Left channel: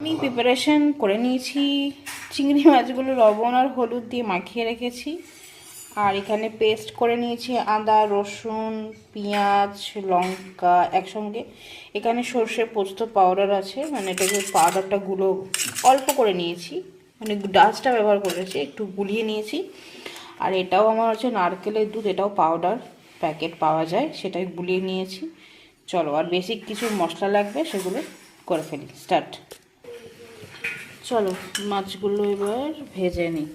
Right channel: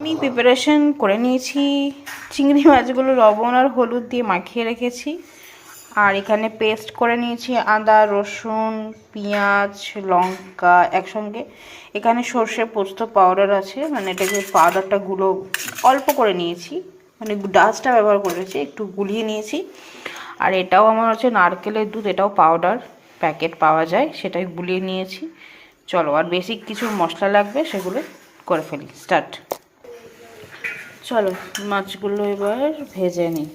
আমি প্রিপারেশন করে নিয়েছি। চিংড়ি মাছগুলো লবণ আর হলুদ দিয়ে মাখিয়ে রেখেছি। আর এখানে পেস্ট করে নিয়েছি আদা, রসুন, পেঁয়াজ, লঙ্কা একসঙ্গে। এখানে সর্ষে পোস্ত পাউডার আছে, মানে এটাকে পাউডারটা অল্প করে নিয়েছি, মানে ডাস্টটা ব্যবহার করেছি, একটু গুলিয়ে নিয়েছি। আর এটাও আমার হচ্ছে নারকেলের দুধ, এটাও পাউডার প্যাকেট পাওয়া যায়, সেটাই গুলিয়ে নিয়েছি। চলো, আর বেসিক কিছু মশলা লাগবে, সেগুলো করে ফেলি। স্টার্ট। চলো মাছগুলো এবার ভেজে নিই।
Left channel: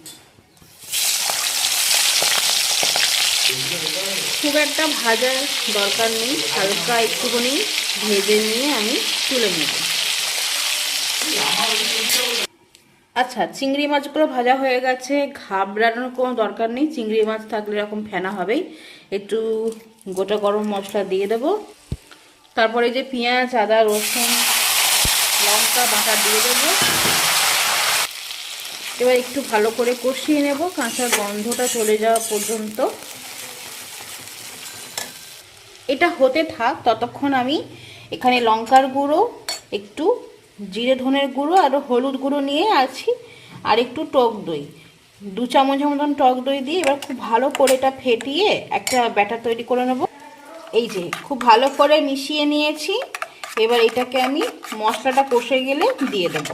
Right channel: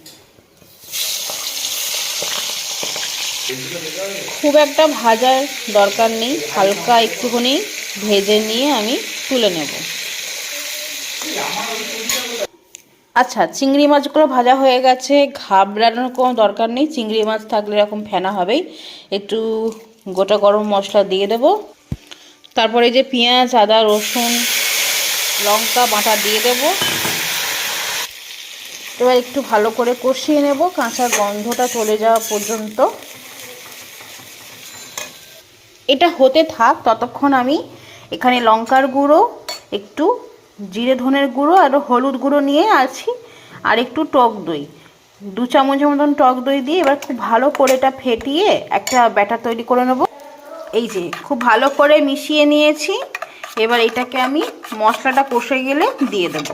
খুব একটা ভাজার দরকার নেই, হালকা একটুখানি ভেজে নিয়ে আমি তুলে নেব। আচ্ছা, চিংড়ি মাছগুলো ভাজা হয়ে গেছে, ঘাবড়ানোর কোনো দরকার নেই। চিংড়ি মাছ থাকলে এরকম ফেনা হবেই। একটু গোটা গরম মশলা দিয়ে দেব, তারপরে যে পেঁয়াজ, আদা, রসুন, লঙ্কা বাটা দিয়ে দেব। এবার একটু ভালো করে কষিয়ে নেব, কাঁচা গন্ধটা চলে যাওয়া পর্যন্ত। এটা হতে থাক, ততক্ষণ আমি এখানে লঙ্কার গুঁড়ো, একটু জিরে ধনের গুঁড়ো আর হলুদ গুঁড়ো নিয়ে আছি, আর একটু টক দই, 2 চামচের মতন টক দই দিয়ে এবার খুব ভালো করে এটা ফেটিয়ে একটা ব্যাটার তৈরি করে নেব। এই যে খুব ভালো করে মিশিয়ে নিয়েছি। এবার এটাকে আমি মশলাটা কষে গেলে দিয়ে দেব।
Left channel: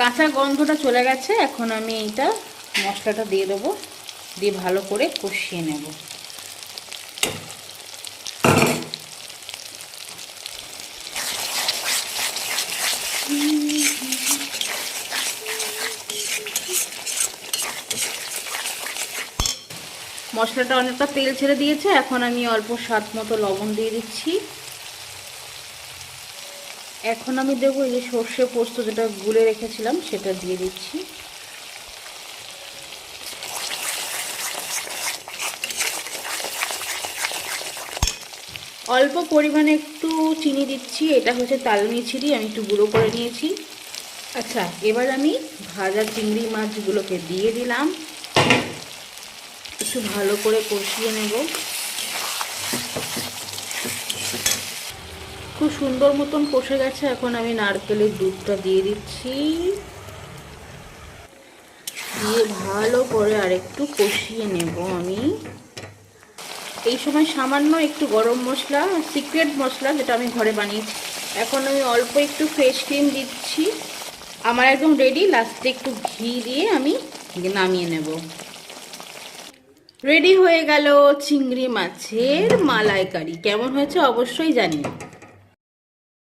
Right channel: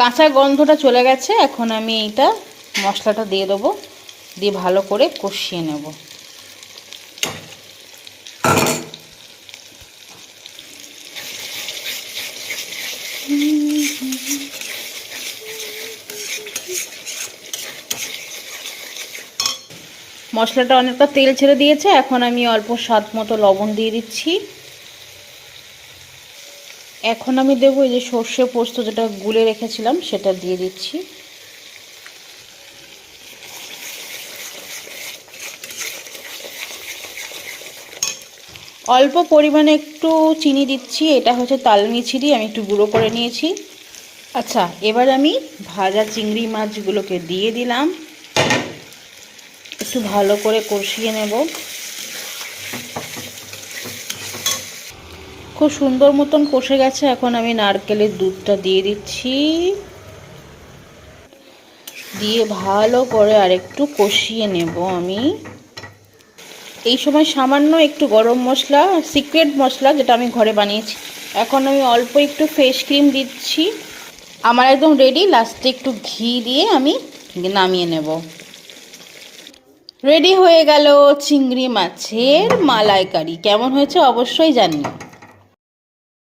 কাঁচা গন্ধটা চলে গেছে, এখন আমি এইটা মশলাটা দিয়ে দেবো, দিয়ে ভালো করে কষিয়ে নেব। মশলাটা অনেকটা তেল ছেড়ে দিয়েছে, এখন আমি অল্প স্বাদ মতো লবণ দিয়ে দিচ্ছি। এখন আমি দেবো এই যে সর্ষে পোস্ত যেটা গুলে রেখেছিলাম, সেটা দিয়ে দিচ্ছি। অল্প পরিমাণে একটু চিনি দিচ্ছি, এটা হচ্ছে তালনি চিনি, আমি একটু গুঁড়ো করে নিয়েছি। আচ্ছা, এবার আমি ভাজা চিংড়ি মাছগুলোকে দিয়ে দিলাম, একটু ভালো করে কষিয়ে নেব। খুব সুন্দর মতন কষে গেছে, এখন আমি নারকেলের দুধটা দিয়ে দিচ্ছি, দিয়ে ভালো করে আরেকটু কষিয়ে নেব আমি। এই সময় সামান্য একটু গরম মশলা, সিক্রেট মশলা যেটা আমি ঘরে বানিয়েছি, এখন আমি অল্প একটু ফ্রেশ ক্রিম দিচ্ছি। আমার একদম রেডি। লাস্টে একটু ঘি দিয়ে আমি নামিয়ে নেব। রেডি হয়ে গেল চিংড়ি মাছের মালাইকারি। কেমন হয়েছে অবশ্যই জানিও।